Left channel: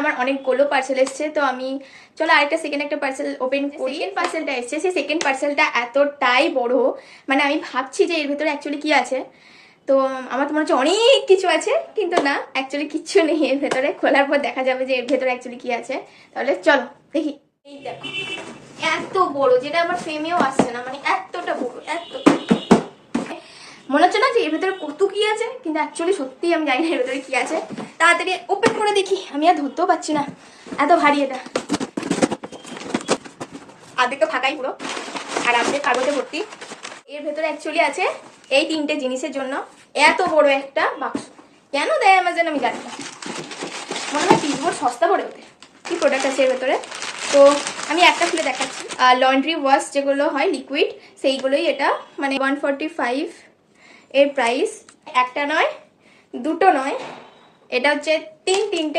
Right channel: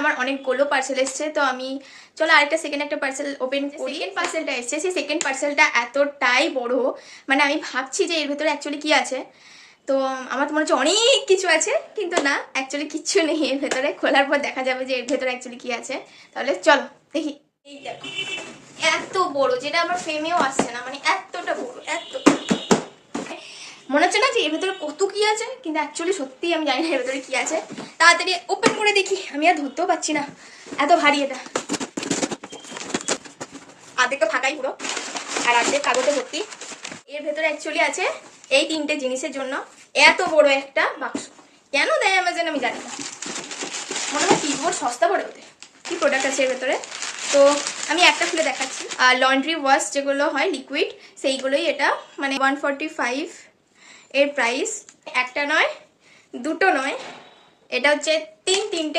আমার অনেকগুলো পার্সেল এসছে, তো আমি চলো আরেকটা সেকেন্ড একটা পার্সেল ওপেন করি। পার্সেলটা এসছে, সেই সেকেন্ড পার্সেলটা এতটাই বড়, মানে আমি ভাবছি যে এর ভেতরে অ্যাকচুয়ালি কি আছে। তো আমার তো মনে হচ্ছে অনেক কিছু আছে, কিন্তু না, অ্যাকচুয়ালি কিচ্ছু নেই এর ভেতরে। খোলার পর দেখা যাবে যে এর ভেতরে অ্যাকচুয়ালি কি আছে। তাহলে চলো দেখি। এই দেখো, এত বড়, যেটা আমার ফ্রেমেও আসছে না, মানে এতটা বড়, এত মনে হচ্ছে না যে এর ভেতরে কত কি আছে, কিন্তু অ্যাকচুয়ালি সত্যি আমি জানি না এর ভেতরে কি আছে। তাড়াতাড়ি ওপেন করে দেখি, আমি আর ধরতেও পারছি না, এত ভারী এটা। আর্ধেকটা ফাঁকাই পুরো, আর অর্ধেক কাগজে ভর্তি। এর ভেতরে অ্যাকচুয়ালি আছে এই 3টে জিনিসের জন্য এত বড় একটা বাক্স। কেন দেয় অ্যামাজন আমি জানি না, মনে হয় কিবোর্ড সস্তা পড়ে ওঠে। কি প্রোডাক্ট আছে এর ভেতরে, তো আমি একটা খুলে দেখাচ্ছি। আর লন্ড্রি ওয়াশ যেগুলো হয় লিকুইড, সেইগুলোই এটা, মানে 145 এর প্রাইস। একটা নয়, দুটো নয়, এটা হচ্ছে তিনটে